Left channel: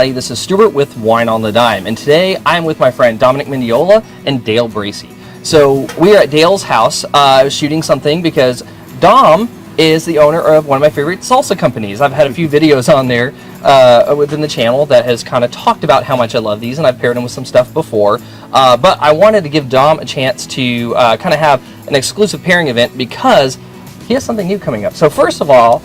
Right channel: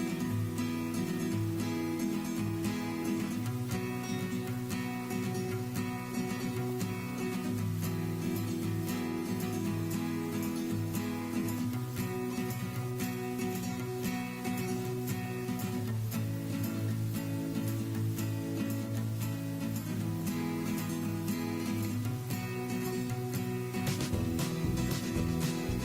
everybody, this is Stuart with Wine on the Dime, and today I'm with my friend Dominic Mendiola and Dale Bracey. So we are at Dale's house shooting something because Dom is the owner of one of my favorite salsa companies. I've had a few videos on there within the channel that has kind of talked about how much I love these, and I've paired them with some stuff before. But I wanted to give Dom a chance to kind of have an exclusive pairing event because he has something new coming up. So first of all,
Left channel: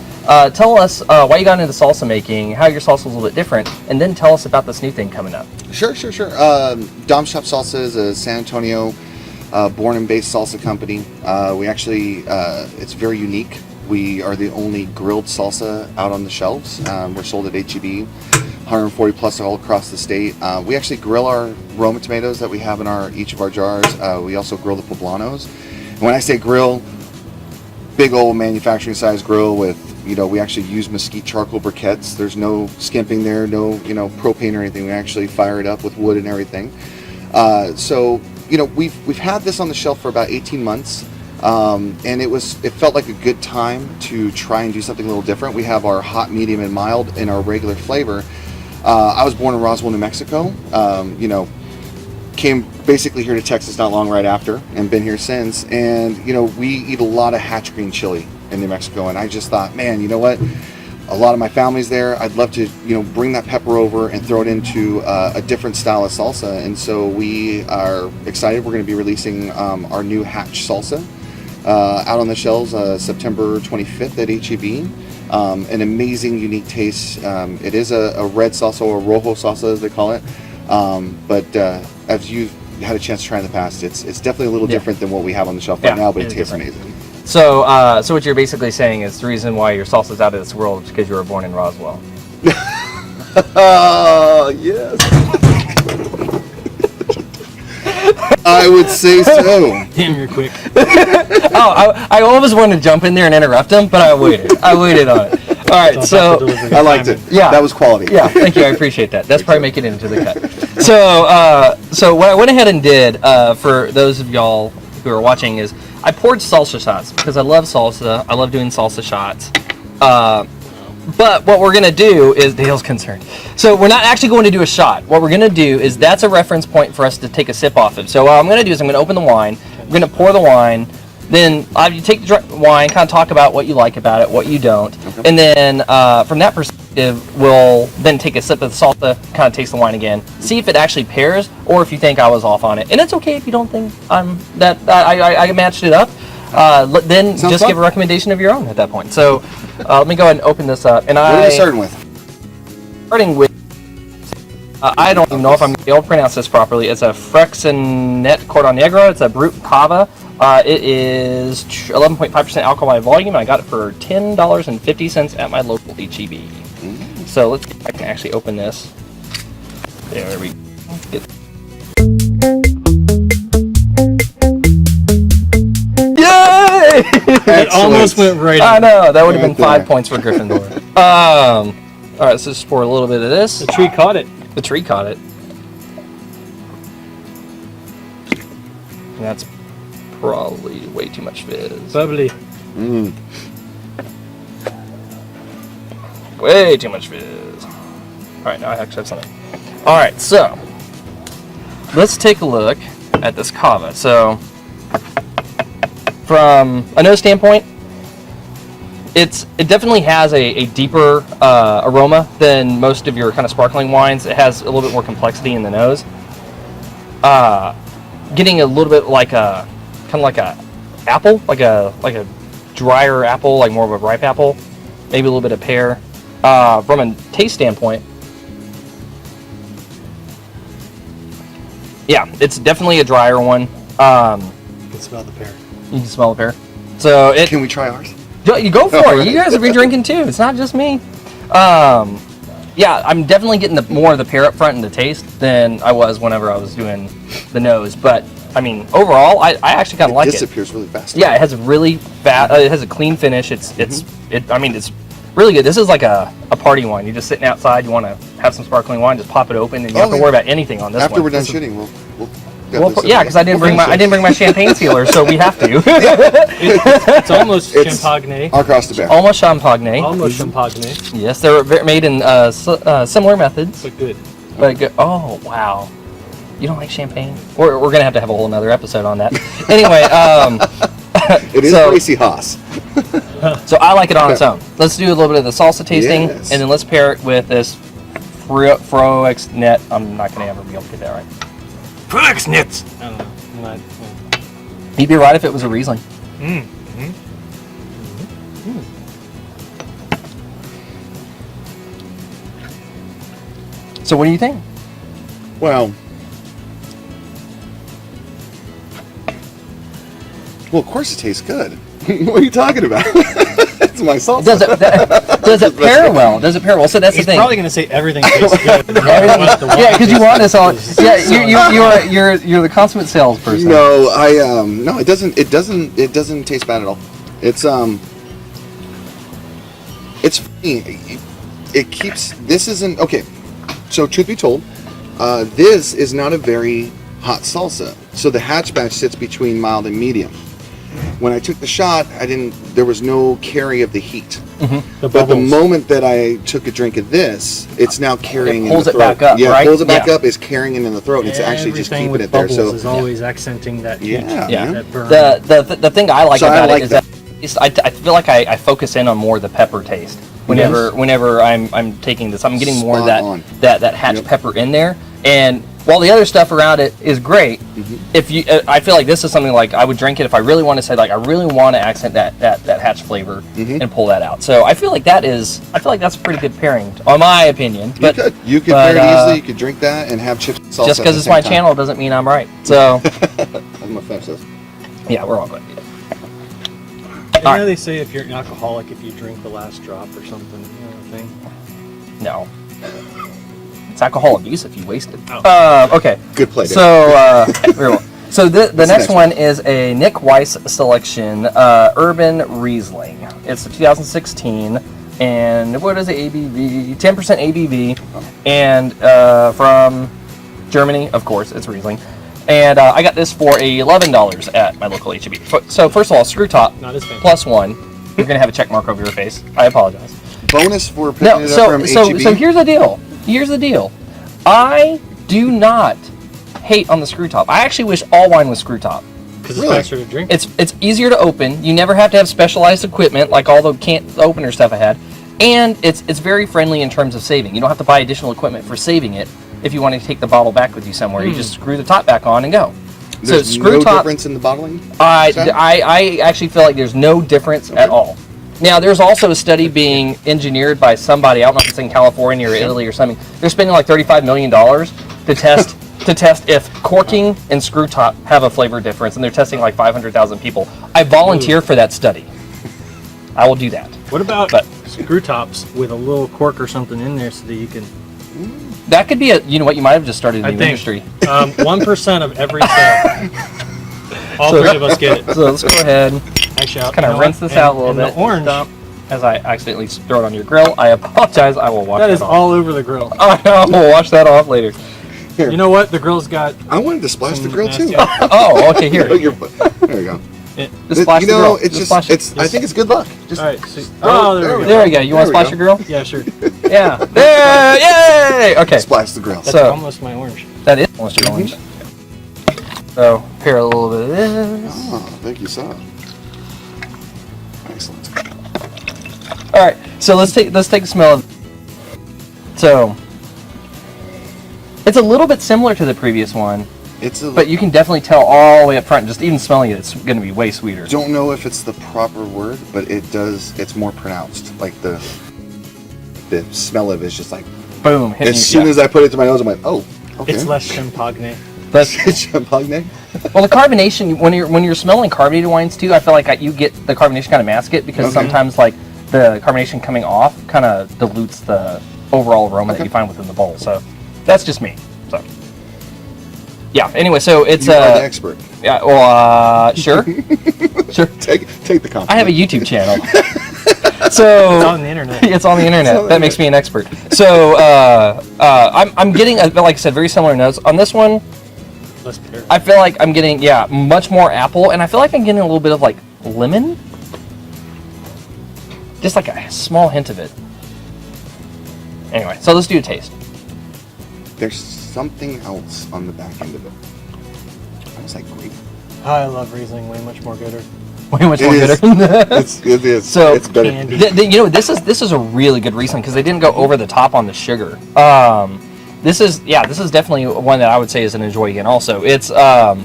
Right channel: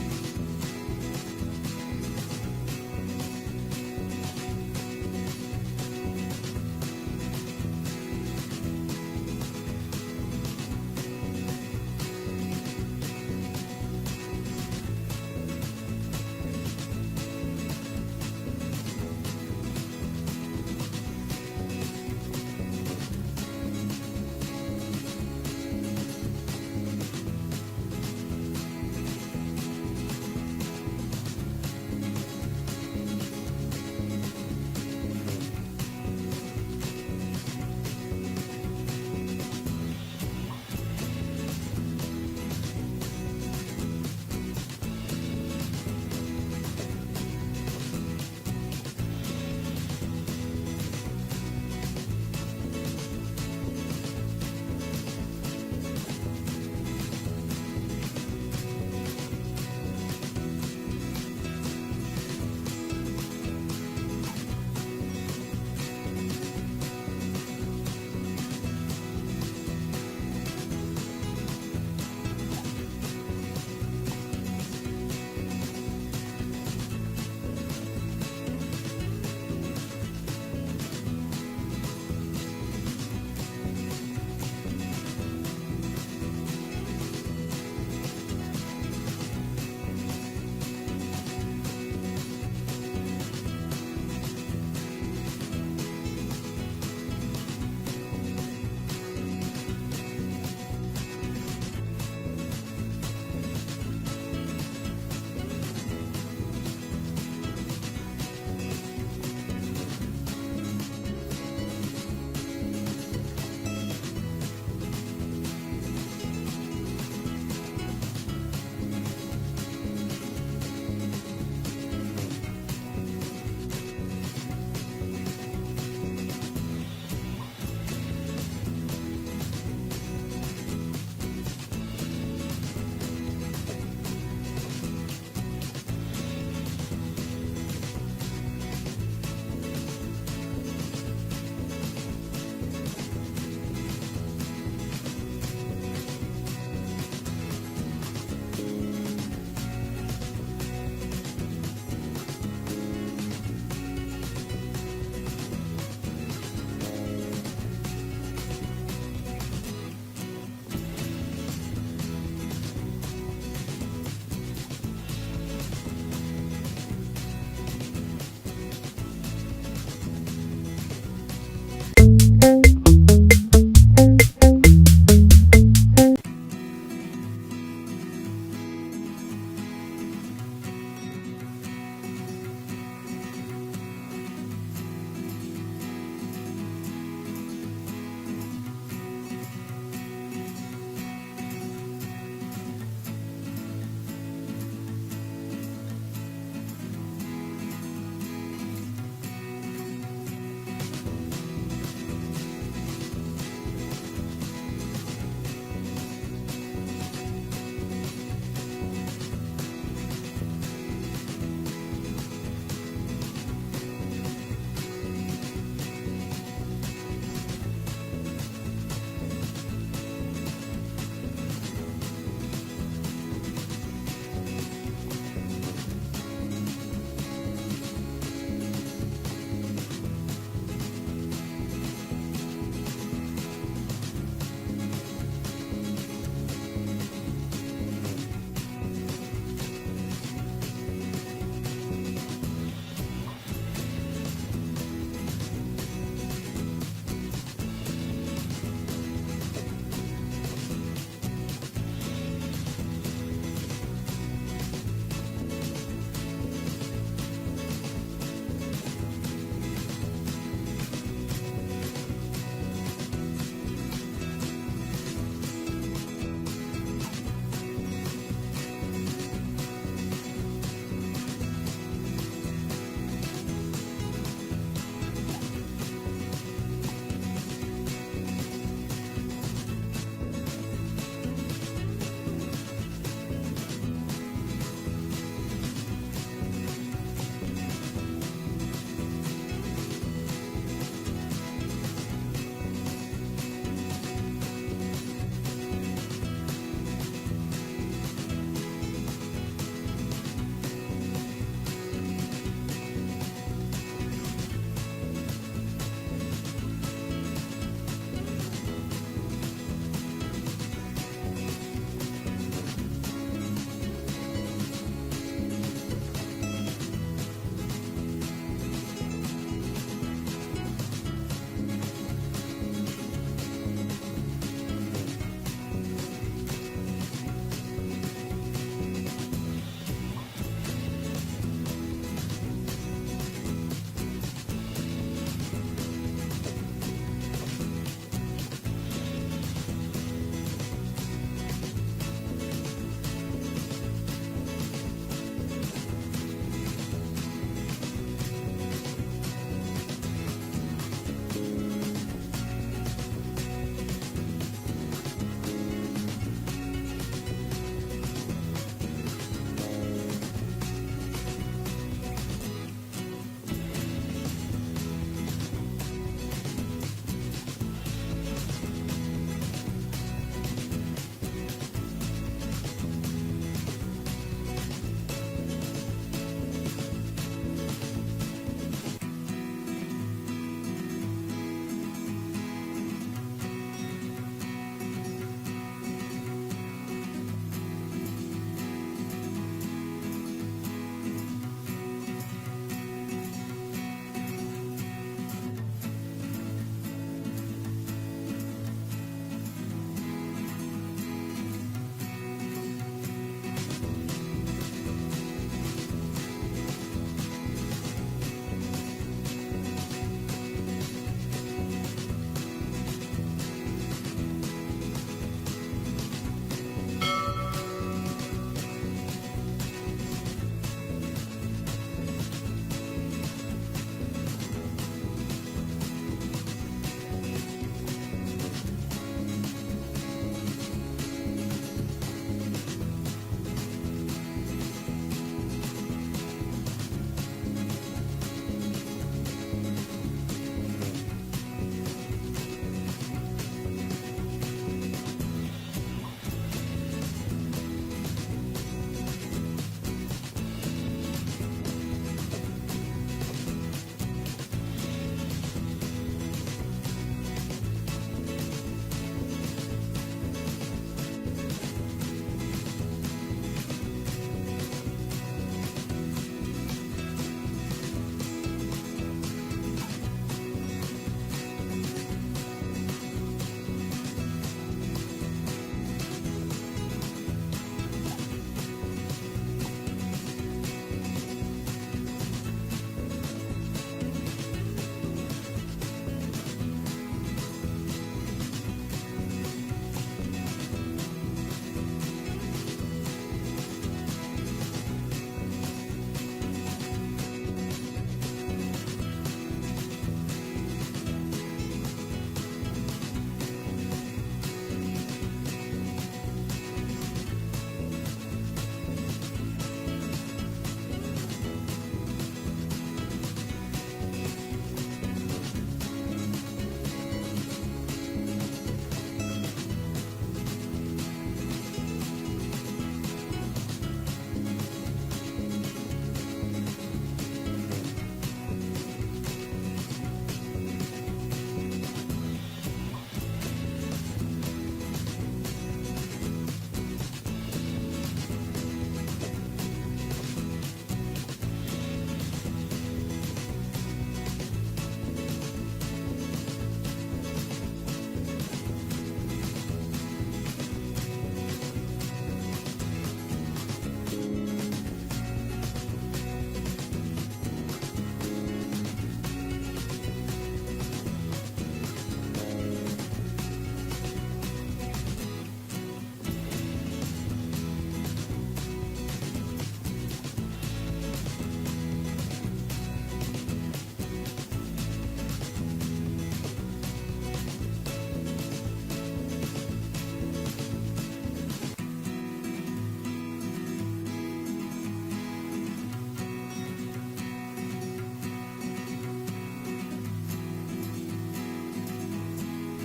tell us why you got into salsa making, how your salsa is a little bit different, and then tell us about this new thing coming up. Sure. Dom's Chop Salsa is a San Antonio born and based salsa company. We actually, it's very unique. We are the only grilled salsa out on the shelves. We're sold at H-E-B, 140 plus all across the state. We actually grill our Roma tomatoes that we have in each of our jars. We also grill the poblanos. And when I say grill, big old manufacturing size grill with, we actually use mesquite charcoal briquettes. There's no skimping there, no, propane or anything. We actually fire it up with wood and everything. So, we've had this on the shelf for about 18 months. And it felt like a good time to try and do something a little different. We have our hot, medium, and mild in our regular flavor. I was born in Roswell, New Mexico. Came basically here to Texas not long right after and been here since. And, we eat a lot of hatch green chili in New Mexico. And I just thought, man, you know what? A lot of my family's there. I'd love to, bring that pepper over and throw it into a different style of salsa. And so we are excited. We're going to be releasing our new hatch salsa out on the shelves September 25th at H-E-B. An amazing, unique taste. It is a red salsa, or rojo salsa as they call it. But as you had a chance to try in the past, it's definitely a little different than what we have on the shelf right now, but it tastes amazing. So, so what you're basically saying is the reason why your salsa's out of this world is because you were born in Roswell. Yes. I would say so. Damn, you're quick. I always wanted to jump in there and interrupt him, but I waited. I waited on it. All right, so I liked it. Yeah, that was quality. Yeah, thank you. I appreciate that. That's probably making it into the cut. So what I went ahead and did for those of y'all who are watching is I poured salsa shots because I love salsa. I love doing salsa shots. But what we're gonna do is Dale's concerned. So we're not actually going to do a shot. What we're gonna do is that's a reference point for us to take a sip off of. So what I'm gonna do is I'm gonna open the wine. I'm gonna pour the wine. Then you take the wine, kind of talk about what you like about it, what you don't, and then from that perspective, we'll then take a sip of the salsa, kind of taste the wine again, see if it actually pairs, or if you think I was off on it. And it's okay if you don't think I matched it up. Then Sounds just fun. give a recommendation of your own at that point. So let me go ahead and open this up. And what are you starting with? Starting with, I don't even know if I'm going to be able to pronounce this properly. It's a Friexnet Cordon Negro. It's a Brut Cava. It is 11.5% alcohol by volume. I got it for $10.50 at my local H-E-B. So let's I can actually open this. There we go. Yay! It almost went right. I know, that would have been 5 points for Gryffindor. All right, so just pour a little bit of this. The tree caught it. The tree caught it. And that's probably way too much fizz. Bubbly. Way too much fizz. All right, now I actually have something. All right, so let's take a look at this Cava. So from a nose standpoint, it definitely has a deeper aroma than most of your kind of sparkling wines. It has a little bit more complexity in the nose. Getting a little bit like a kind of like a apple, like a drier apple, like more of a ripe apple, maybe a little bit of pear. From a taste standpoint, yeah, it's definitely a drier one. You can smell the pear. You can smell the pear. So Can we try ours? You go for it. You guys will be drinking too. It's not just me. Yeah, I'm definitely getting more of the pear up front in the taste than I was whenever I was doing the nose. But I mean, overall, I actually kind of like it. It disappears really fast. Yeah, it has a really it has a clean finish. It's really good. This is like a party wine. You're just sitting outside. You want to have some sparkling wine. Just pop it open, and you don't have to worry about anything on this one. After we're done shooting, we'll Got Well, this yeah, over because I didn't bring my champagne sealer, so we have to. It's almost It's- champagne. across the bear. Almost champagne. Almost champagne. Yes, they're made in similar methods. But good. But oh wow, you don't like champagne? We're gonna have to have a whole another episode on that. Anyway, It is so- Bracey Haas. so I like it on its own. Let's do a little bit of the salsa tasting, Yes. and then let's pair it with this Friexnet. I'm not gonna ever be able to get that right. Friexnet. I don't know. I'm not- You'd be right if it was a Riesling. So what do you think? Well, of course it tastes good. What are you talking about? It's my salsa. Does it pair well? Does it pair well? So that's He's the thing. probably gonna say everything tastes good. Yeah, because you want us all. Yeah, you're the consummate salesperson. No, no, it doesn't taste bad at all. It's funny. It keeps. This isn't okay. So truth be told, this is not a very hot salsa. So the hatch batch sits between mild and medium. When I took the shot, there was no carry of the heat. The But the bubbles. moment that I took a drink of this, it's now carrying It pulls in it the throat. back up, yeah, right? pulls it back Yeah. up, is carrying it in the throat. It's actually just Everything keeping with it there. bubbles So is always accenting that heat. Yeah. Yeah. That burn. The thing I like So I about like it is that I feel like I focus in on more of the pepper taste whenever I'm taking this. I'm getting more of Spot on. that hatch pepper in there. And while the other stuff around it is great, if you I feel like this is something like I would drink it if I really want to say like I really want to accent that hatch flavor and pull that out. So I feel like that's a pretty good pairing, in my opinion. But you could but, pair it easily. You could drink that and have chips and salsa. just because it's my channel doesn't mean I'm right. So I'm offensive. yeah, we're all good. You know Alright. they say if you're an alcoholic, if you drink the last drop or something. You know what No. It's alcohol abuse if you waste it. Oh. Okay. Good play. Dave. So, very well. So the next next one is a Nick Weiss selection, Urban Riesling. It's a 2016, and what is it, ABV? 10% ABV, and from Germany, of course, it's Riesling. And I got this for $11 at my local HEB. So first of all, screw top, Not as bad. +1. You're gonna have a check mark over your face. I apologize. Bonus for picking No, it up from so HEB. here's the deal. Here's the deal. I do not hate on the screw top. I actually wish all wine was screw top. Because Really? it's faster to drink. It's easier to open. You never have to have specialized equipment like all the opener stuff I had, and it's very friendly in terms of saving. You don't have to buy additional equipment for saving it. If you want to take the bottle back with you somewhere, you just screw the top back on and go. There's so screw no top. difference in the bottling. I actually feel like there's no difference at all. Now, there's also a study being engineered by somebody, I don't know if it's in California or Italy or something. They're spending like $35 million to test if corking and screw top have a flavor difference, and they're testing like 500,000 people. I volunteer for that study. I will do that. What about But- screw tops with a little cork or something in there so that you can? That could be you know what, you might have just started a I new think industry. 1% of every sale. All So- three of us get it. So let's go ahead, Actually, kind of rinse this out a little bit. The orange. Stop. As I accidentally throw it on your grill, I apologize. I will wash That that is off. all over the grill. I will wash that off later. Here. You know what? The grill's got. I wanted to splash the grill too. Oh, okay, here. There you go. Just splash you the know, grill. it's just splash it. it's. I think it's good luck. Just All right. So, oh, there we go. There we go. You want to There we splash your grill? Yeah, sure. Yeah. There, yay! Okay. splash the grill. That's So- almost my orange. That is almost your orange. So, pair a little bit of this. Oh, thank you, son. Excellent. All right. So let's take a smell of. So, it's a little bit similar to the previous one, It's a. but you can definitely tell all the way up front. Just even smelling it, it's going to be way sweeter. don't know if it's the proper word, but it does. It's more pronounced. Like the smell of it is just like. Boom. Hit As soon as I put it to my nose, I'm like, oh, okay. It's less champagne. Champagne. Well, the carbonation when you're smelling carbonated wines too, I feel like you get the carbonation kind of mask it because Okay. sometimes like the carbonation coming off kind of dilutes the overall aroma that Okay. you find within the bowl. So that's just me. So yeah. Anyway, so it's You are the expert. yeah. Well, sure, sure. Take the compliment. I have a YouTube channel. It's So on the internet. it's on the internet. That makes me an expert. So I'm getting, like I said, very similar notes on this one. Less bitter. I feel like I'm getting, much more apple, and I feel like I'm getting a little bit of like lemon. Just like a small hint of it. Anyway, so let's do a taste. There's something else on the back end of it. It's like grape. I love Riesling way much more gooder. Way much more It is. gooder. It is. So, it's better. Candy. you know, this is a really good Riesling because they didn't go over the top on the sugar. This is definitely one that I would say is an enjoy again. Also, it's has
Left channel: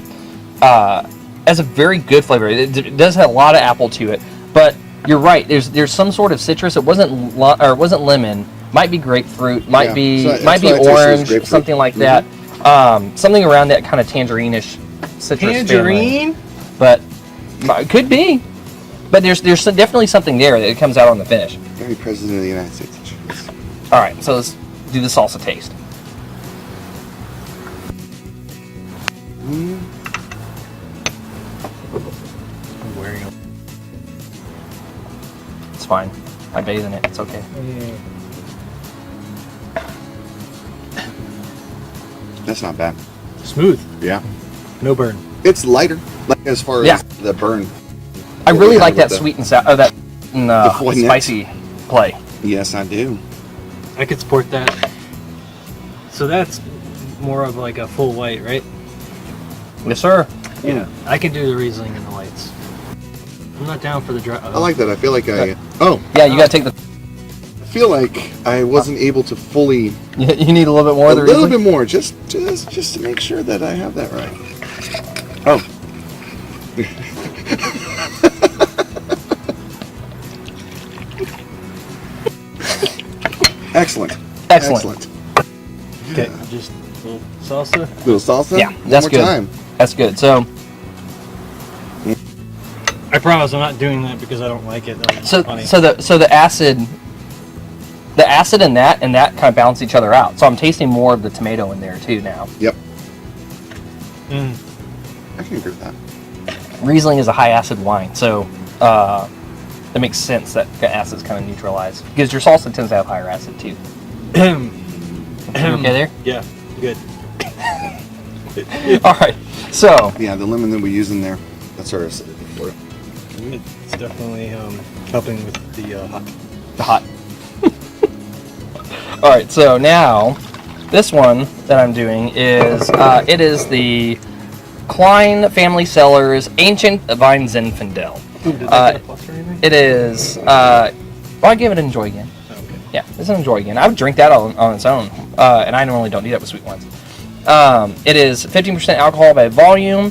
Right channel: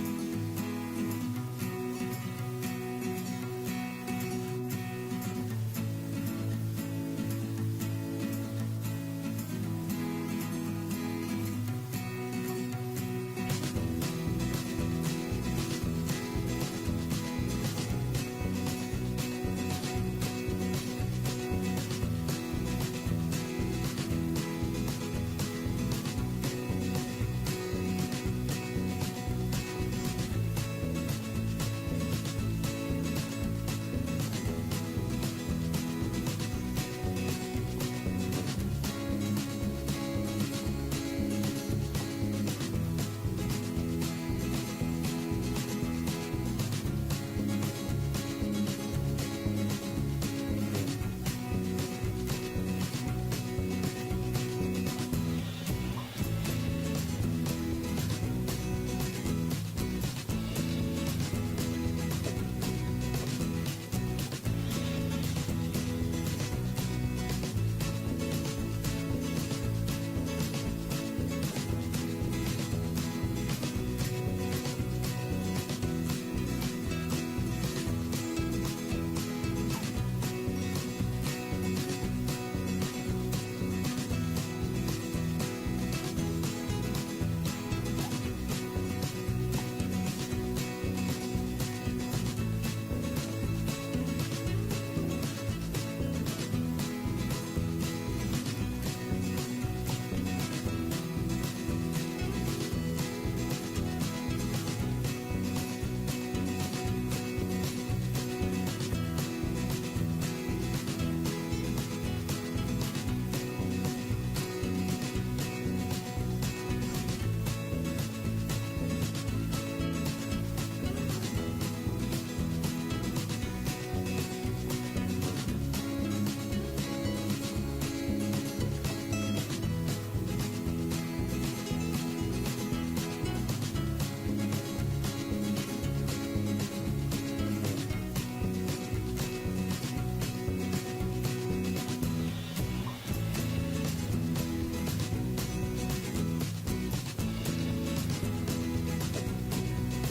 a very good flavor. It does have a lot of apple to it, but you're right. There's some sort of citrus. It wasn't lemon. Might be grapefruit. Might be orange. Something like that. Something around that kind of tangerine-ish citrus. Tangerine? Family. But could be. But there's definitely something there that comes out on the finish. Very President of the United States. All right, so let's do the salsa taste. It's fine. I bathe in it. It's okay. That's not bad. Smooth. Yeah. No burn. It's lighter, like as far as the burn. I really like that with sweet and sour, that Friexnet. spicy play. Yes, I do. I could support that. So that's more of like a full white, right? Yes, sir. Yeah. I can do the Riesling in the whites. I'm not down for the dry. I like that. I feel like Yeah, you gotta take the. I feel like I wasn't able to fully. You need a little bit more A of the little Riesling? bit more, just to make sure that I have that right. Oh. Excellent. Excellent. Okay, just a little salsa. Little salsa. Yeah, One that's more good. time. That's good. So, I promise I'm not doing that because I don't like it. Like, so funny. the acid in that kind of balance each other out. So I'm tasting more of the tomato in there too now. Yep. Mm. I can agree with that. Riesling is a high acid wine, so it makes sense that the acid's kind of neutralized because your salsa tends to have higher acid too. You okay there? Yeah, good. All right. So Yeah, the lemon that we use in there, that's sort of. It's definitely helping with the hot. All right. So now this one that I'm doing is it is the Cline Family Cellars Ancient Vine Zinfandel. It is. Well, I give it an enjoy again. Yeah, it's an enjoy again. I would drink that on its own, and I normally don't do that with sweet wines. It is 15% alcohol by volume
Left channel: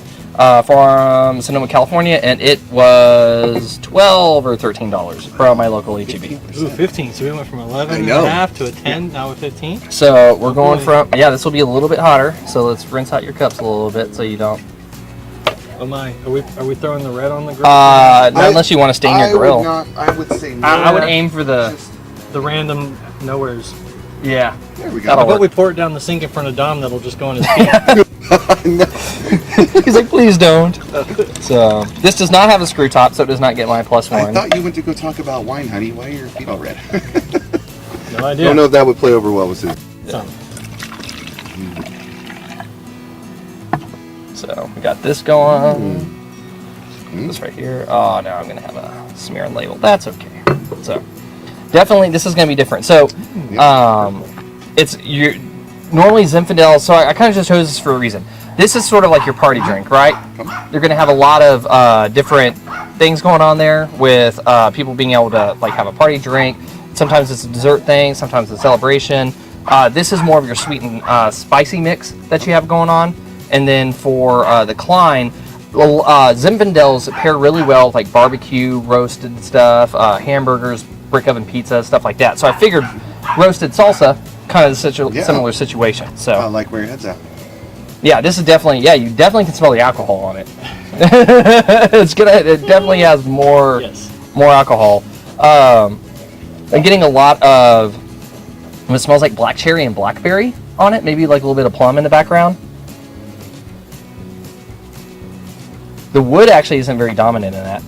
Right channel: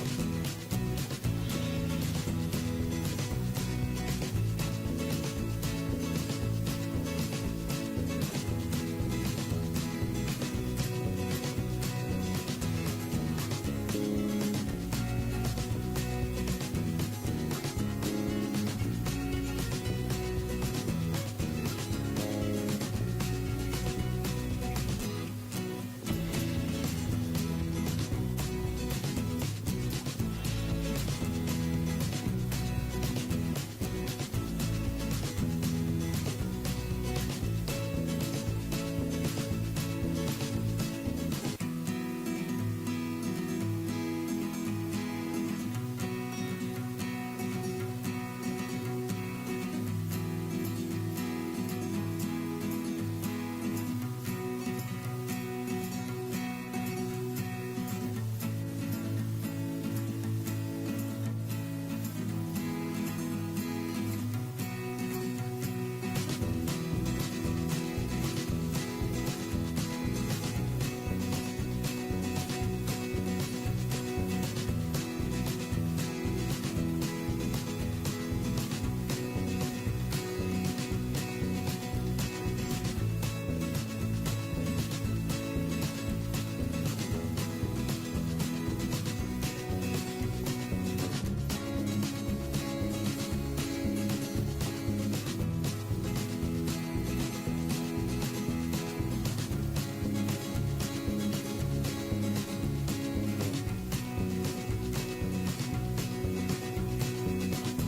from Sonoma, California, and it was $12 or $13 from my local HEB. Ooh, 15. So we went from 11 I and know. a half to a 10, now a 15. So we're going from this will be a little bit hotter. So let's rinse out your cups a little bit so you don't. Oh my, are we throwing the red on the grill? Not unless you want to stain your grill. I would say no. I would aim for the. The random nowheres. Yeah. There we That'll go. How about we pour it down the sink in front of Dom that'll just go in his feet? No. He's like, please don't. So this does not have a screw top, so it does not get my +1. I thought you went to go talk about wine, honey. Why are your feet all red? No I idea. don't know if that would play over well with Susan. So, So we got this going. This right here. Oh, now I'm gonna have a smear and label. That's okay. So definitely this is gonna be different. So it's you normally Zinfandel. So I kind of just chose this for a reason. This is sort of like your party drink, right? You're gonna have a lot of different things going on there with people being able to like have a party drink. Sometimes it's a dessert thing. Sometimes it's a celebration. This is more of your sweet and spicy mix that you have going on. And then for the Cline, Zinfandels pair really well with like barbecue, roasted stuff, hamburgers, brick oven pizza, stuff like that. So I figured roasted salsa, kind of such a similar situation. So I like where your head's at. yeah, this is definitely you definitely can smell the alcohol on it. It definitely has more alcohol. I'm getting a lot of it smells like black cherry and blackberry on it. Maybe like a little bit of plum in the background. The wood actually isn't very dominant in that.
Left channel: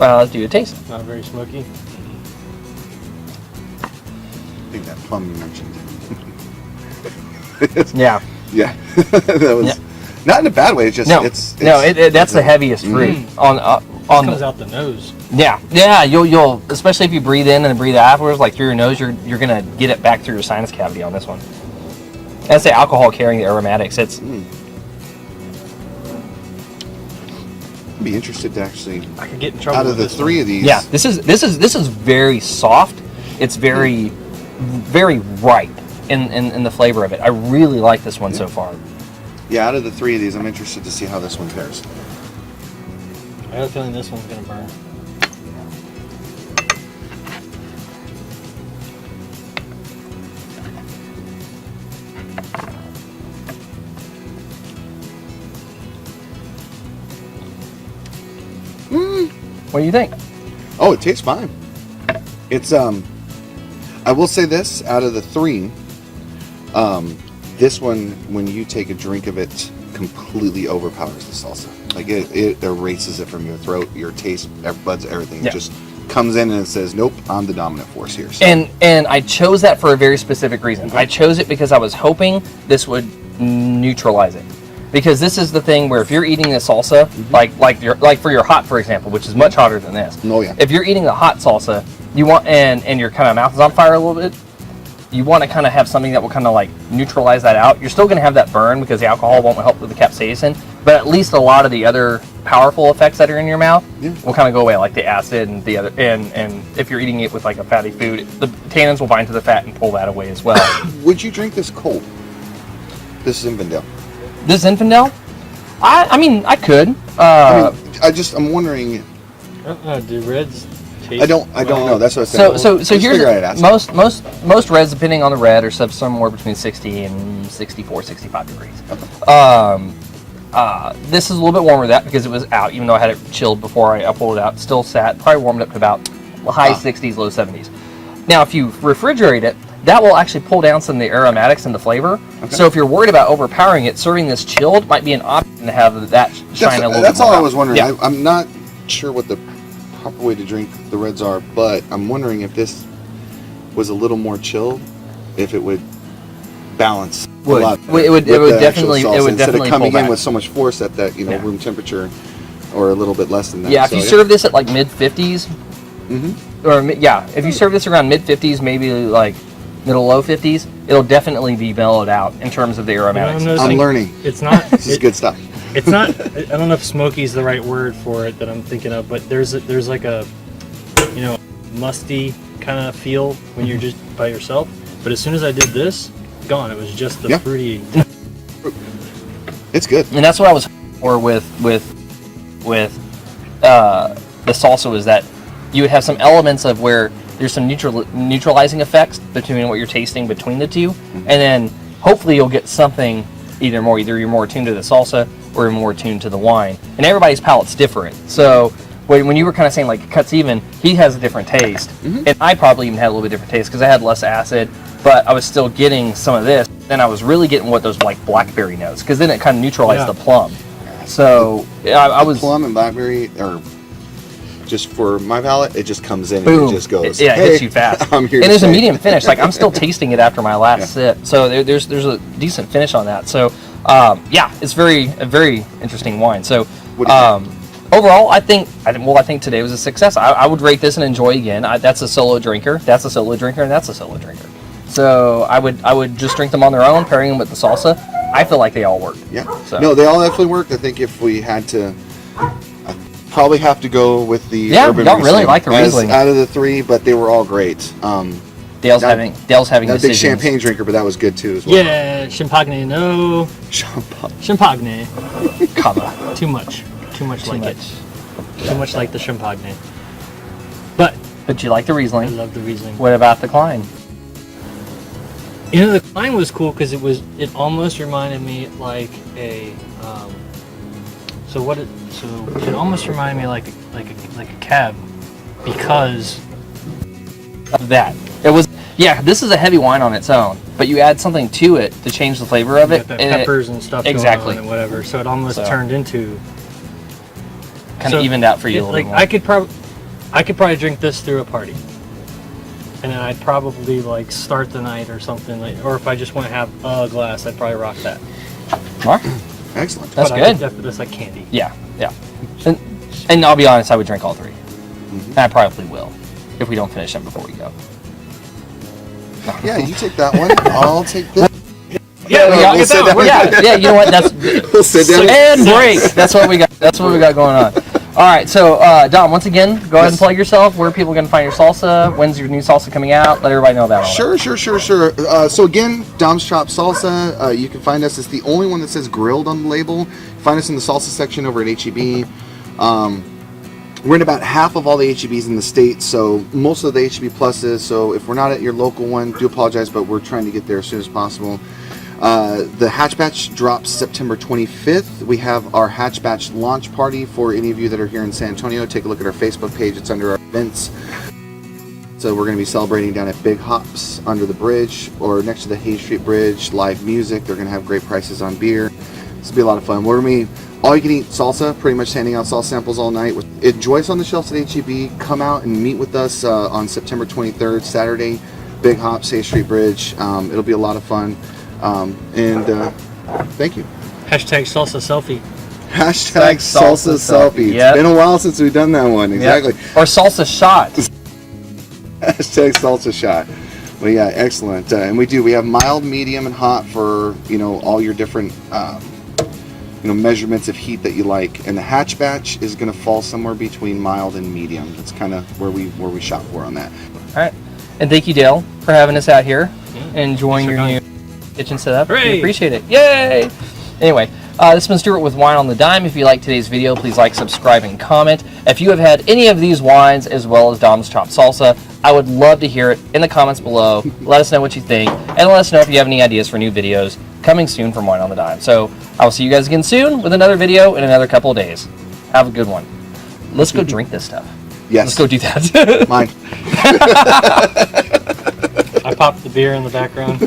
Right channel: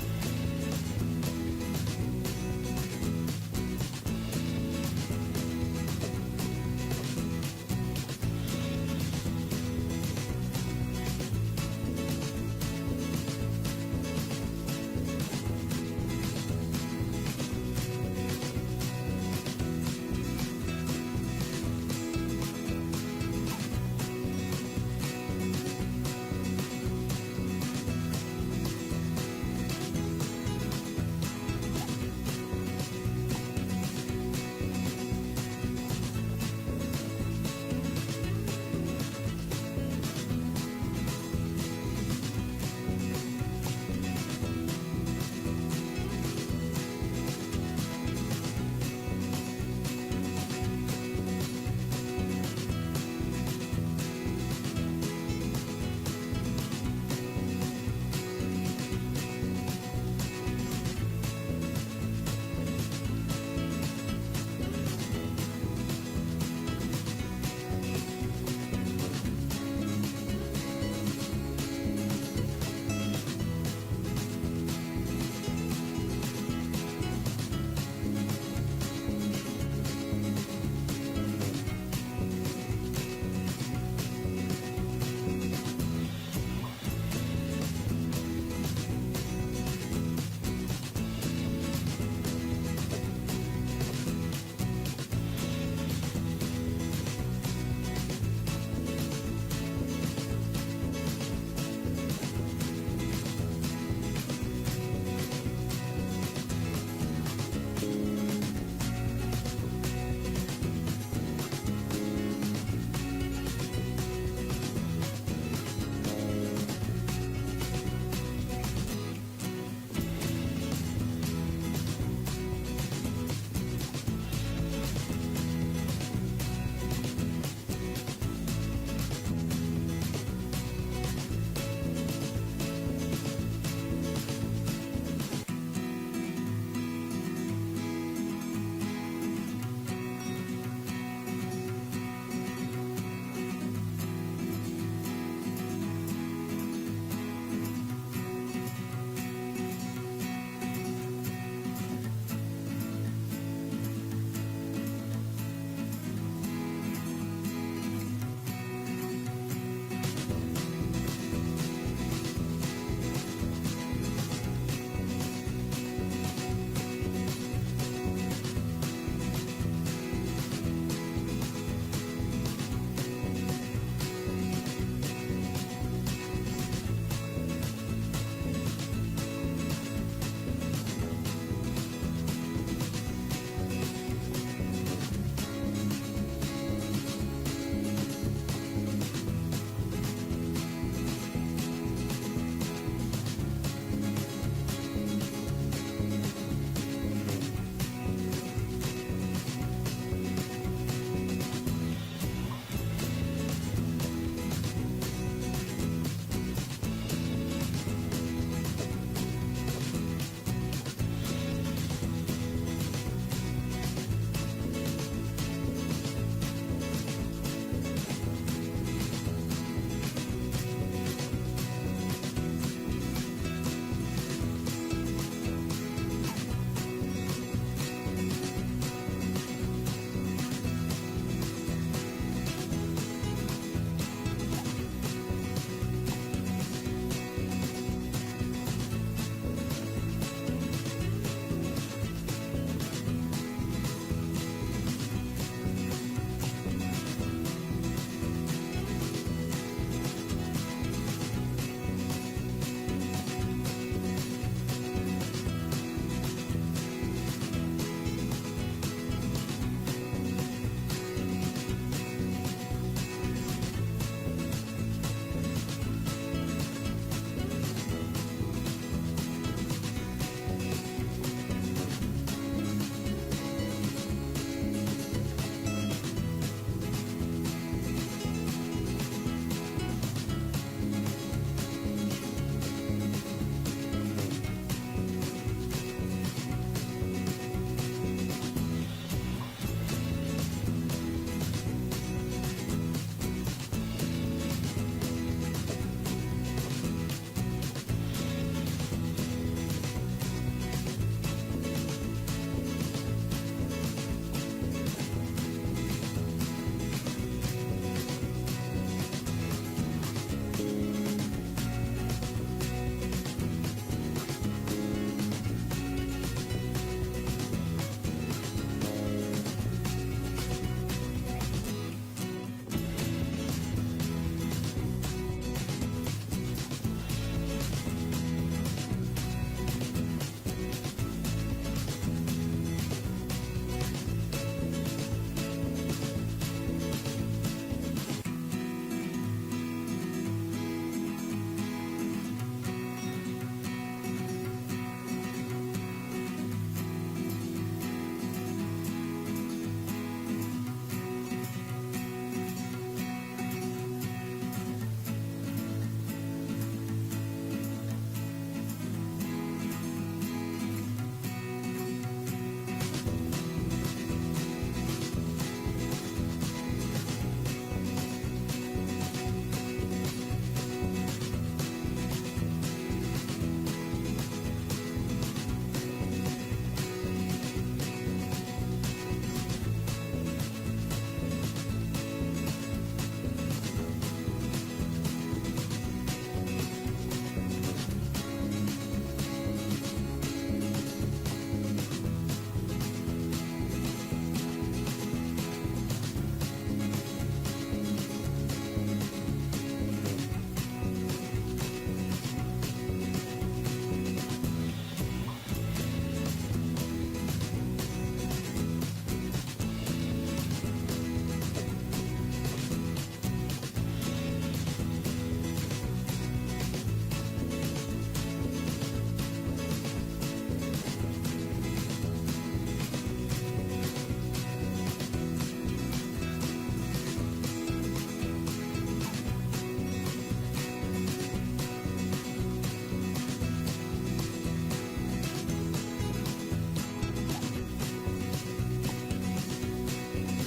Let's do a taste. not very smoky. I think that plum you mentioned. Yeah. Yeah, that was. Yeah. Not in a bad way. It's just that's the heaviest fruit on comes out the nose. Yeah. You'll especially if you breathe in and breathe out afterwards, like through your nose, you're gonna get it back through your sinus cavity on this one. That's the alcohol carrying the aromatics. It's be interested to actually. I could get in trouble out of the with this three one. of these. Yeah, this is very soft. It's very ripe in the flavor of it. I really like this one so far. Yeah, out of the three of these, I'm interested to see how this one fares. I have a feeling this one's gonna burn. What do you think? Oh, it tastes fine. It's I will say this, out of the three, this one, when you take a drink of it, completely overpowers the salsa. Like it erases it from your throat, your taste, buds, everything. Yeah. It just comes in and it says, nope, I'm the dominant force here. So. And I chose that for a very specific reason. I chose it because I was hoping this would neutralize it. Because this is the thing where if you're eating the salsa, like for your hot, for example, which is much hotter than this. Oh yeah. If you're eating the hot salsa, you want and your kind of mouth is on fire a little bit, you want to kind of have something that will kind of like neutralize that out. You're still going to have that burn because the alcohol won't help with the capsaicin, but at least a lot of the other powerful effects that are in your mouth will kind of go away, like the acid and the other. And if you're eating it with like a fatty food, the tannins will bind to the fat and pull that away as well. Would you drink this cold? This Zinfandel. This Zinfandel? I mean, I could. I'm wondering. Do reds taste? I don't know. That's what I said. So here's most reds, depending on the red, are somewhere between 60 and 64, 65 degrees. This is a little bit warmer than that because it was out, even though I had it chilled before I pulled it out. Still sat, probably warmed up to about high 60s, low 70s. Now, if you refrigerate it, that will actually pull down some of the aromatics and the flavor. Okay. So if you're worried about overpowering it, serving this chilled might be an option to have that shine a little bit. That's all more I was wondering. Yeah. I'm not sure what the proper way to drink the reds are, but I'm wondering if this was a little more chilled, if it would balance a lot better it would definitely instead of coming pull back in with so much force at that room temperature, or a little bit less than that. Yeah, if you serve this at like mid 50s, if you serve this around mid 50s, maybe like middle low 50s, it'll definitely be mellowed out in terms of the aromatics. I'm learning. It's not. This is good stuff. It's not. I don't know if smoky is the right word for it that I'm thinking of, but there's like a musty kind of feel when you're just by yourself. But as soon as I did this, gone. It was just the fruity. It's good. And that's what I was for with the salsa, was that you would have some elements of where there's some neutralizing effects between what you're tasting between the two, and then hopefully you'll get something either you're more attuned to the salsa or you're more attuned to the wine. And everybody's palate's different. So when you were kind of saying like it cuts even, he has a different taste, and I probably even had a little bit different taste because I had less acid, but I was still getting some of this. Then I was really getting what those like blackberry notes, because then it kind of neutralized the plum. So I was plum and blackberry are. Just for my palate, it just comes in boom. and it just goes. It hits you fast. I'm here. And there's a medium finish. Like I'm still tasting it after my last sip. So there's a decent finish on that. So it's a very interesting wine. So overall, I think today was a success. I would rate this and enjoy again. That's a solo drinker. That's a solo drinker, and that's a solo drinker. So I would just drink them on their own, pairing them with the salsa. I feel like they all work. Yeah. So. No, they all definitely work. I think if we had to. Probably have to go with the urban don't really Riesling like the Riesling out of the three, but they were all great. Dale's having not a big champagne drinker, but that was good too as well. Yeah, champagne, no. Champagne. Cava. Too much like the champagne. But you like the Riesling. I love the Riesling. What about the Cline? The Cline was cool because it almost reminded me like a it almost reminded me like a cab because of that. It was this is a heavy wine on its own, but you add something to it to change the flavor of it. The peppers and stuff exactly going on and whatever. So it almost turned into kind of evened out for you a little more. I could probably drink this through a party. And then I'd probably like start the night or something, or if I just want to have a glass, I'd probably rock that. Mark? Excellent. That's But good. That's like candy. Yeah, yeah. And I'll be honest, I would drink all 3. And I probably will if we don't finish them before we go. Yeah, you take that one. I'll take this. Yeah, we'll sit down. Yeah, you know what? That's We'll sit down. and break. That's what we got. That's what we got going on. All right, so Dom, once again, go ahead and plug yourself. Where are people going to find your salsa? When's your new salsa coming out? Let everybody know about all Sure. So again, Dom's Chop Salsa. You can find us. It's the only one that says grilled on the label. Find us in the salsa section over at HEB. We're in about half of all the HEBs in the state, so most of the HEB pluses. So if we're not at your local one, do apologize, but we're trying to get there as soon as possible. The Hatch Batch drops September 25th. We have our Hatch Batch launch party for any of you that are here in San Antonio. Take a look at our Facebook page. It's under our events. So we're going to be celebrating down at Big Hops under the bridge or next to the Hay Street Bridge. Live music. They're going to have great prices on beer. This will be a lot of fun. We're going to be all you can eat salsa, pretty much handing out salsa samples all night. Enjoy us on the shelves at HEB. Come out and meet with us on September 23rd, Saturday, Big Hops, Hay Street Bridge. It'll be a lot of fun. Thank you. Hashtag salsa selfie. Hashtag salsa selfie. Yep. It's been a while since we've done that one. Exactly. Yep. Or salsa shot. Hashtag salsa shot. Well, yeah, excellent. And we have mild, medium, and hot for all your different measurements of heat that you like. And the Hatch Batch is going to fall somewhere between mild and medium. That's kind of where we shop for on that. All right. And thank you, Dale, for having us out here and enjoying your new kitchen setup. Hooray! We appreciate it. Yay! Anyway, this has been Stuart with Wine on the Dime. If you like today's video, please like, subscribe, and comment. If you have had any of these wines as well as Dom's Chop Salsa, I would love to hear it in the comments below. Let us know what you think, and let us know if you have any ideas for new videos coming soon from Wine on the Dime. So I will see you guys again soon with another video in another couple of days. Have a good one. Let's go drink this stuff. Yes. Let's go do that. Mine. I popped the beer in the background.